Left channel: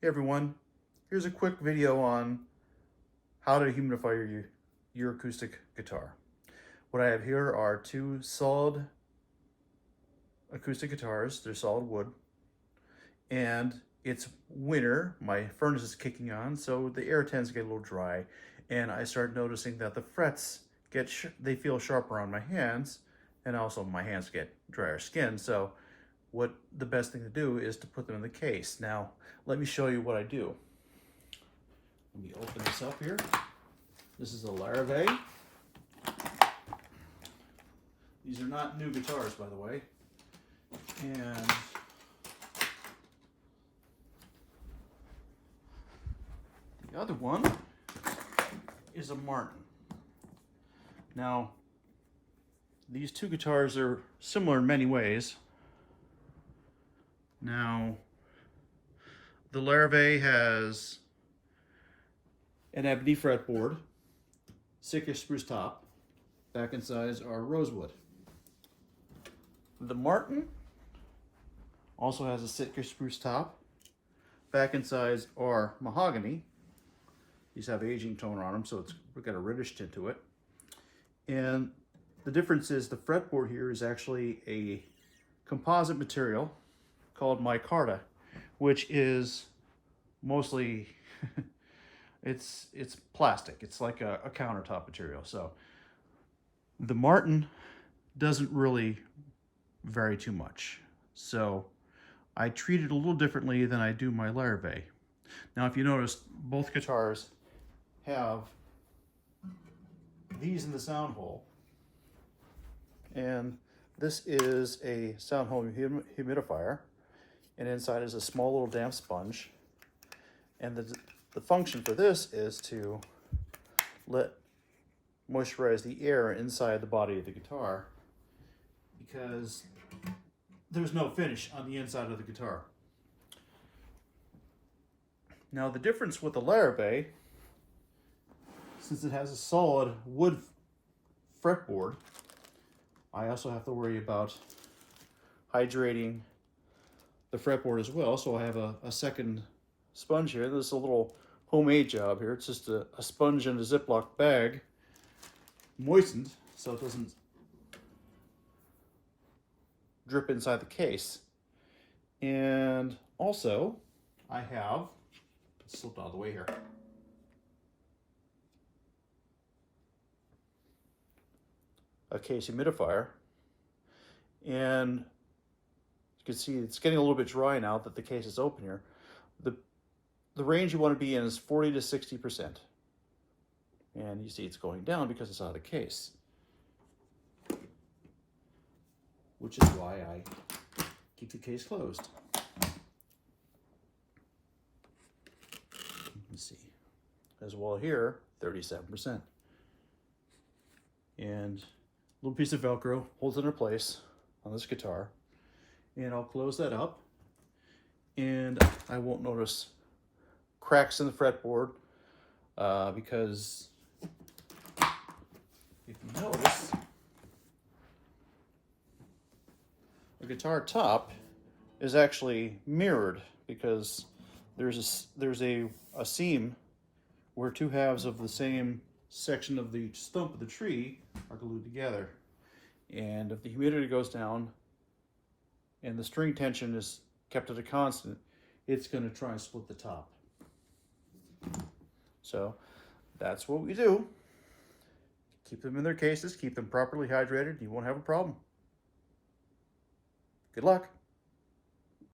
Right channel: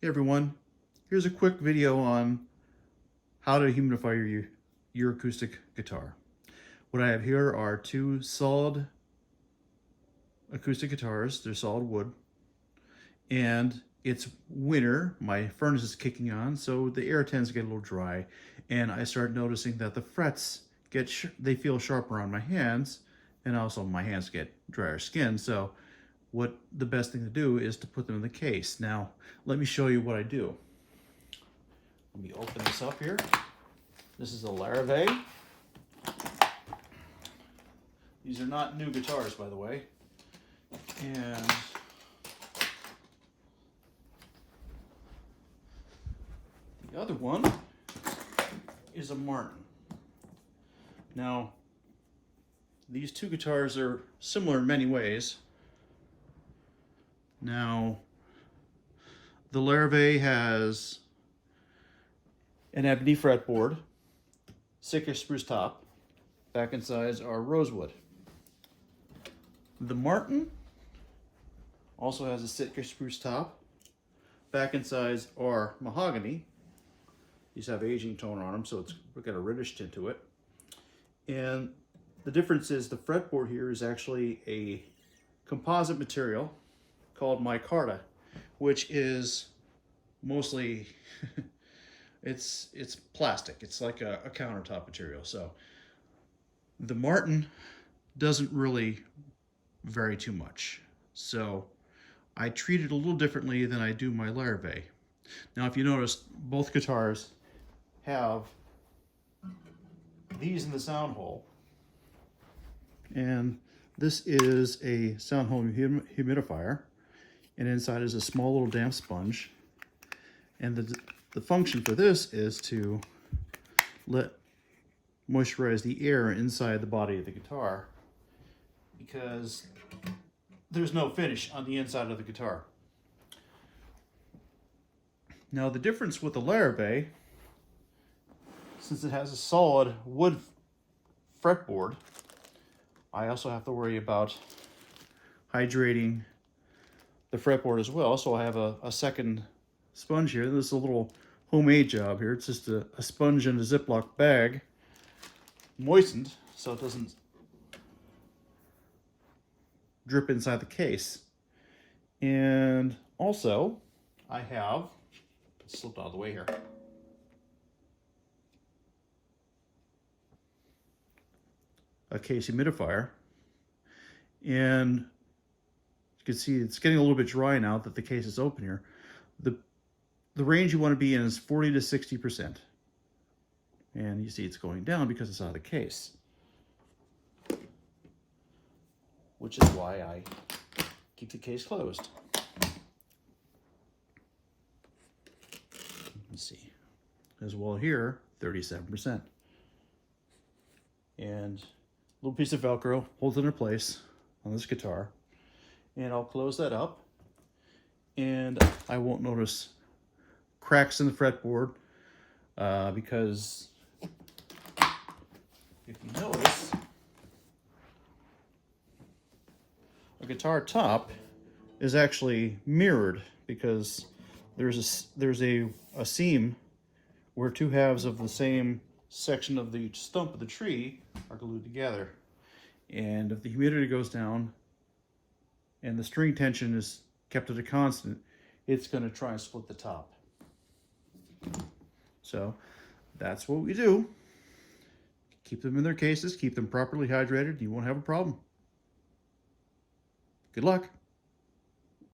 Hey everyone, here's a quick video on how to humidify your acoustic guitar. What I have here are two solid acoustic guitars. They're solid wood, and it's winter. My furnace is kicking on, so the air tends to get a little dry, and I start noticing that the frets they feel sharper on my hands, and also my hands get drier skin. So what the best thing to do is to put them in the case. Now let me show you what I do. Let me open this up here. This is a Larrivee. These are not new guitars, by the way. And the other one is a Martin. Now, these two guitars are similar in many ways. Now, the Larrivee has an ebony fretboard, Sitka spruce top, back and sides are rosewood. The Martin also has a Sitka spruce top, back and sides are mahogany. These have aging tone on them, so we've got a reddish tint to it. And the difference is the fretboard here is actually a composite material called micarta, which is mostly it's plastic. It's like a countertop material. So the Martin doesn't really vary too much. So I treat it a little differently than I do my Larrivee. Now, if you notice, both guitars have these in the sound hole, and this is a sound hole humidifier, and inside is a small little damp sponge. And the function for this is to moisturize the air inside the body of the guitar, because there's no finish on the inside of the guitar. Now, the difference with the Larrivee, since it has a solid wood fretboard, I also have to worry about hydrating the fretboard as well. So I have a second sponge here. This is a little homemade job here. It's just a sponge in a Ziploc bag, moistened so it doesn't drip inside the case. And also I have, slipped out of the way here, a case humidifier, and you can see it's getting a little bit dry now that the case is open here. The range you want to be in is 40 to 60%. And you see it's going down because it's out of the case. Which is why I keep the case closed. Let's see. As well here, 37%. And a little piece of Velcro holds it in place on this guitar. And I'll close that up, and I won't notice cracks in the fretboard, because if you notice, the guitar top is actually mirrored, because there's a seam where two halves of the same section of the stump of the tree are glued together. And if the humidity goes down and the string tension is kept at a constant, it's going to try and split the top. So that's what we do. Keep them in their cases, keep them properly hydrated, you won't have a problem. Good luck.